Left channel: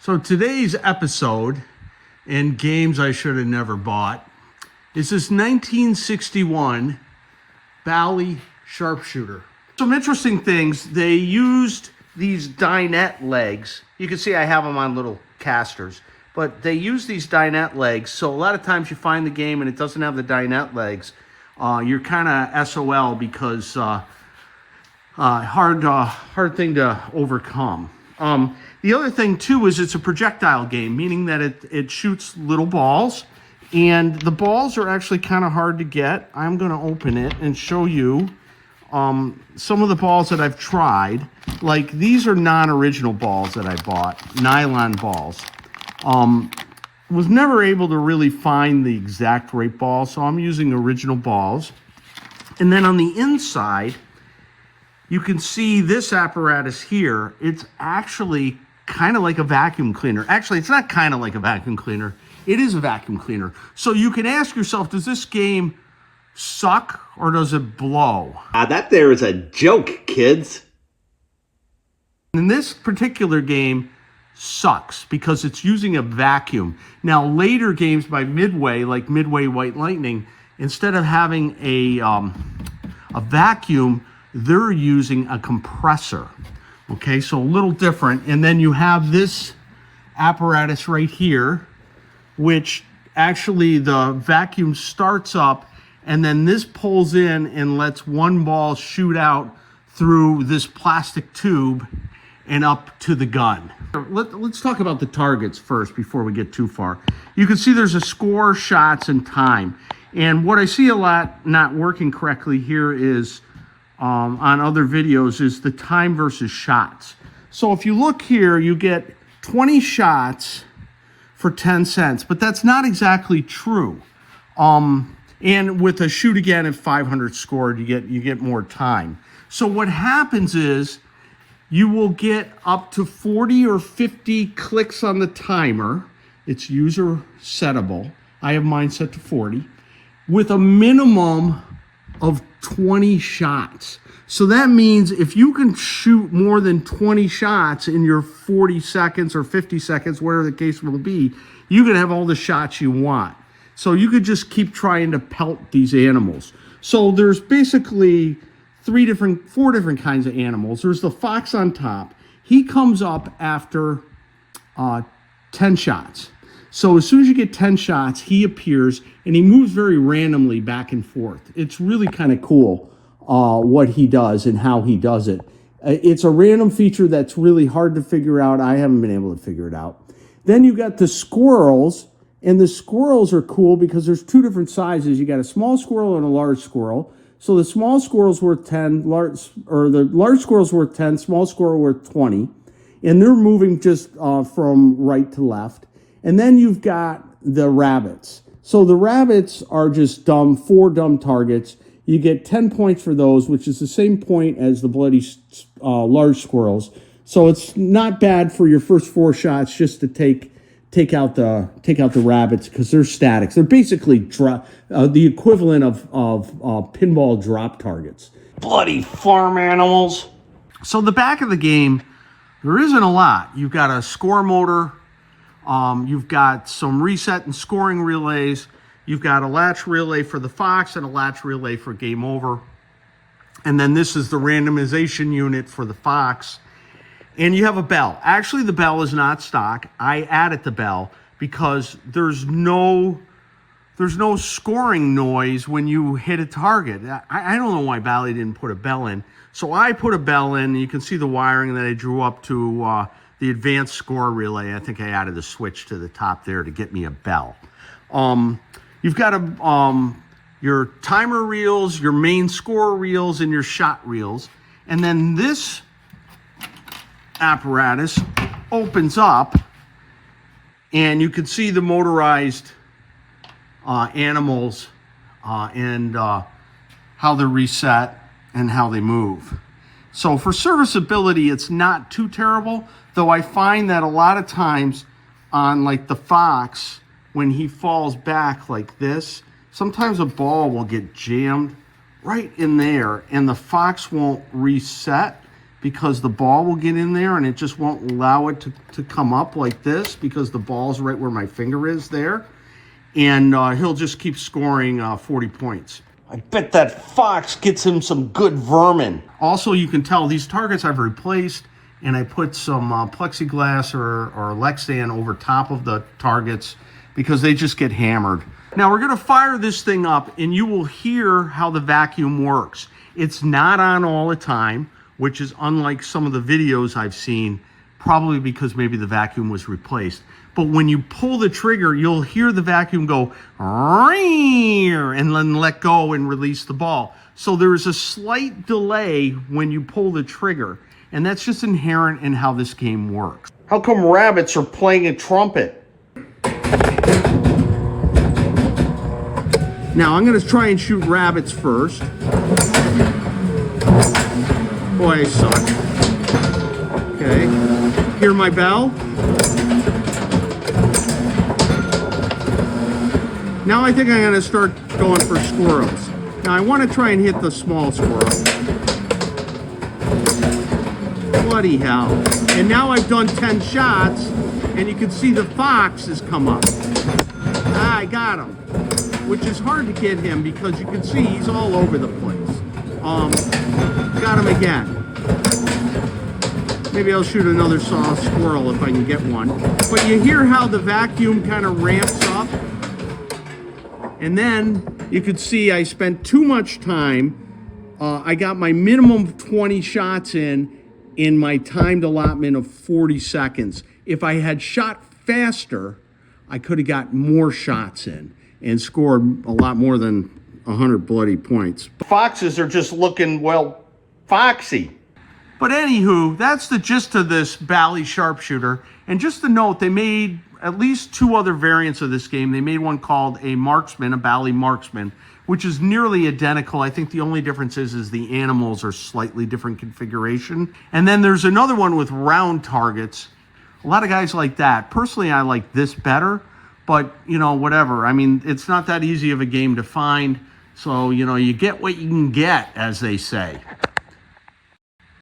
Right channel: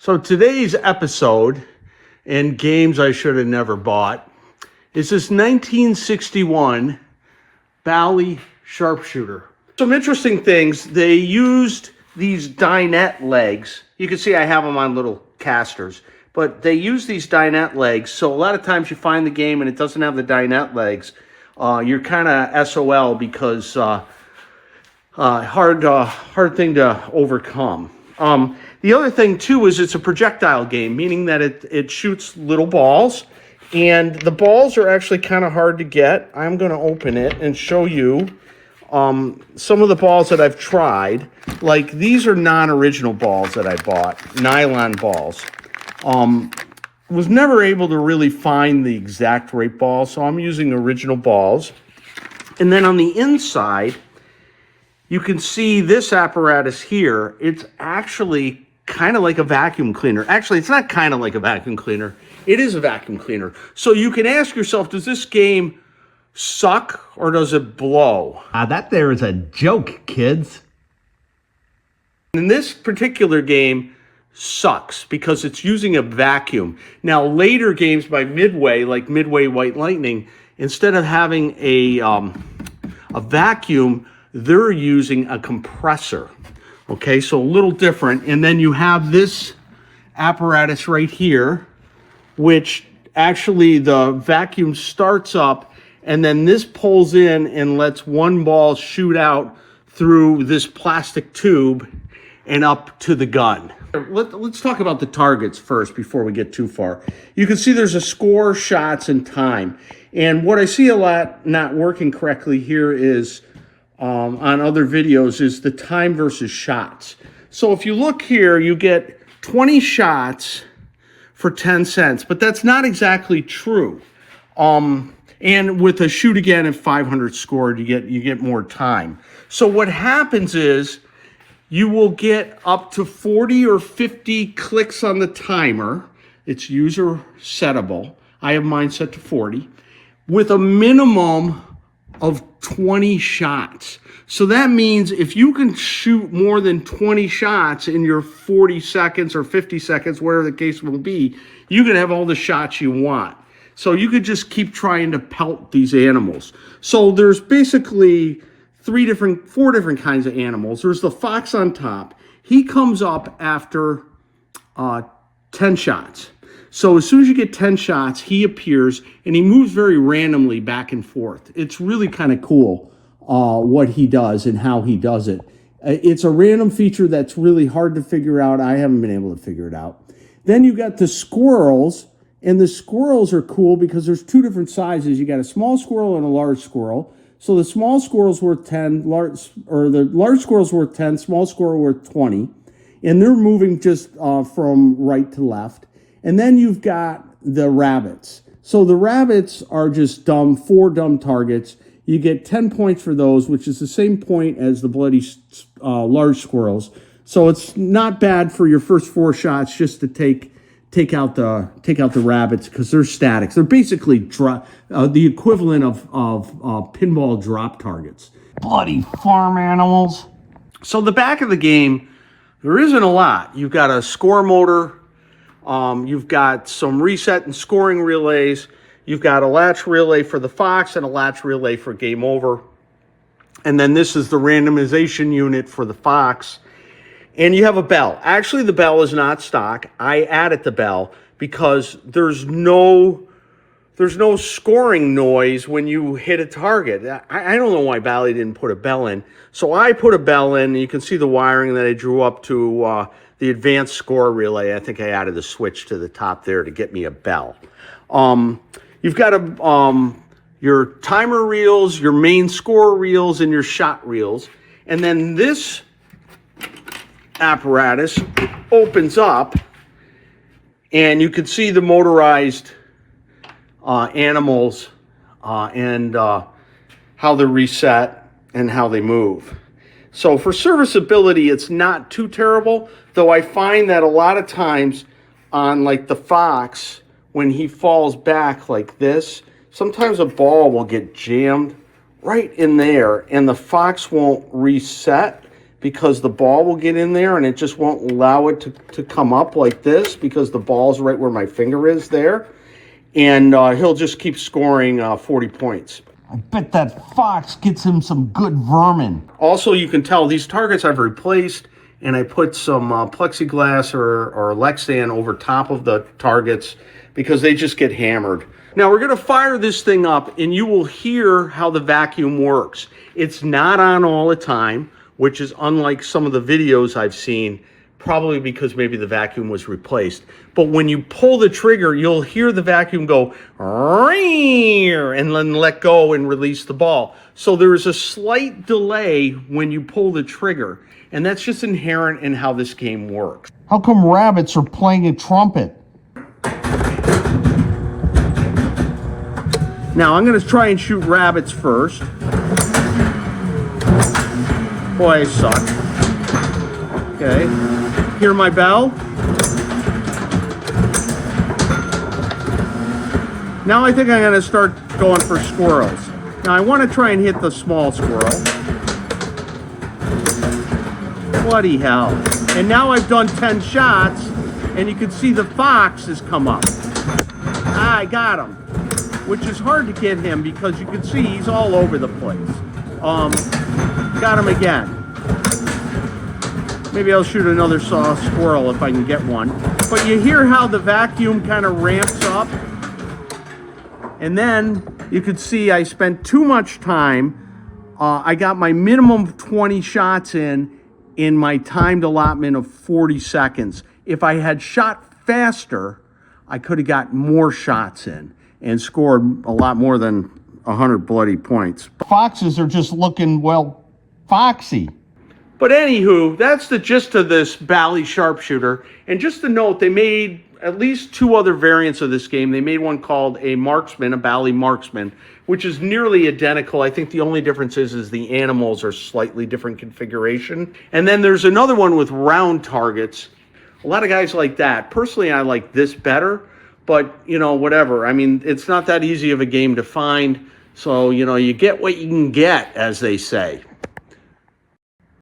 So today's episode, and games I should have never bought, is this 1961 Bally Sharpshooter. Some interesting things. They used these dinette legs. You can see I have them on little casters, but they use these dinette legs. So a lot of times you find the game and it doesn't have the dinette legs. You're kind of SOL because hard thing to overcome. The other thing too is it's a projectile game, meaning that it shoots little balls, and the balls are actually kind of hard to get. I'm going to open it and show you some of the balls that I've tried. Like these are non-original balls that I bought, nylon balls. Was never able to really find the exact right ball, so I'm using original balls. And then on the inside, you can see this apparatus here. It's actually kind of like a vacuum cleaner. Actually, it's not kind of like a vacuum cleaner. It is a vacuum cleaner. So you can ask yourself, does this game suck or does it blow? That there is a joke, kids. In this particular game, sucks because it's using a vacuum. Now, later games by Midway, like Midway White Lightning, instead of having a vacuum, they're using a compressor. Okay, so a little different. And then you have this apparatus right here, which actually the vacuum starts up, and then this pulls in and lets one ball shoot out through this plastic tube and up to the gun. Let's talk about the targets first before we get too far. You can see there's a score, shots, and time. And what I see a lot not working correctly here is on other videos is the time versus shots. So if you look here, you get 20 shots for 10 cents, but that's not exactly true. And with a shoot again at 500 scored, you get more time. So what happens is you will get up to 40 or 50 clicks on the timer. It's user settable. I have mine set to 40 with a minimum of 20 shots. So that means if you can shoot more than 20 shots in your 40 seconds or 50 seconds, whatever the case will be, you can have all the shots you want. So you could just keep trying to pelt these animals. So there's basically four different kinds of animals. There's the fox on top. He comes up after 10 shots. So as soon as you get 10 shots, he appears and he moves very randomly back and forth. It's really kind of cool what he does and how he does it. It's a random feature that's really hard to figure out. I haven't been able to figure it out. Then you got the squirrels, and the squirrels are cool because there's two different sizes. You got a small squirrel and a large squirrel. So the small squirrel's worth 10, the large squirrel's worth 10, small squirrel worth 20. And they're moving just from right to left. And then you've got the rabbits. So the rabbits are just four dumb targets. You get 10 points for those, which is the same point as the bloody large squirrels. So it's not bad for your first four shots just to take out the rabbits because they're statics. They're basically the equivalent of pinball drop targets. Bloody farm animals. So the back of the game, there isn't a lot. You've got a score motor. You've got some reset and scoring relays. You've got a latch relay for the fox and a latch relay for game over. And then this is the randomization unit for the fox. And you have a bell. Actually, the bell is not stock. I added the bell because there's no scoring noise when you hit a target. I don't know why Bally didn't put a bell in. So I put a bell in. You can see the wiring that I drew up to the advanced score relay. I think I added a switch to the top there to get me a bell. You've got your timer reels, your main score reels, and your shot reels. And then this apparatus opens up, and you can see the motorized animals and how they're reset and how they move. So for serviceability, it's not too terrible, though I find that a lot of times on like the fox, when he falls back like this, sometimes a ball will get jammed right in there and the fox won't reset because the ball will get in there and it just won't allow it to come up like this because the ball's right where my finger is there. And he'll just keep scoring 40 points. I bet that fox gets him some good vermin. Also, you can tell these targets I've replaced, and I put some plexiglass or Lexan over top of the targets because they just get hammered. Now we're going to fire this thing up, and you will hear how the vacuum works. It's not on all the time, which is unlike some of the videos I've seen, probably because maybe the vacuum was replaced. But when you pull the trigger, you'll hear the vacuum go, and then let go and release the ball. So there is a slight delay when you pull the trigger, and that's just inherent in how this game works. How come rabbits are playing a trumpet? Now I'm going to try and shoot rabbits first. Boy, I suck. Okay. Hear my bell? Now I think I'm going to start going for squirrels. Now I want to try and hit the small squirrel. Bloody hell. And now I've done 10 shots, and you can see the fox has come up. I got him. Which is hard to get him because you can see he's all over the place. Got him again. Maybe I'll shoot another squirrel if I can get one. But you hear how the vacuum kind of ramps up? And then you could see I spent too much time. I got my minimum of 20 shots in my timed allotment of 40 seconds. If I had shot faster, I could have got more shots in and scored a lot more than 100 bloody points. Foxes are just looking, well, foxy. But anywho, that's the gist of this Bally Sharpshooter. And just to note, they made at least 2 other variants of this game. They made one called a Marksman, a Bally Marksman, which is nearly identical. I think the only difference is the animals are slightly different configuration. And then there's another one with round targets. A lot of guys like that. Personally, I like this better, but, you know, whatever. I mean, it's not that easy of a game to find. So, you know, you get what you can get, as they say.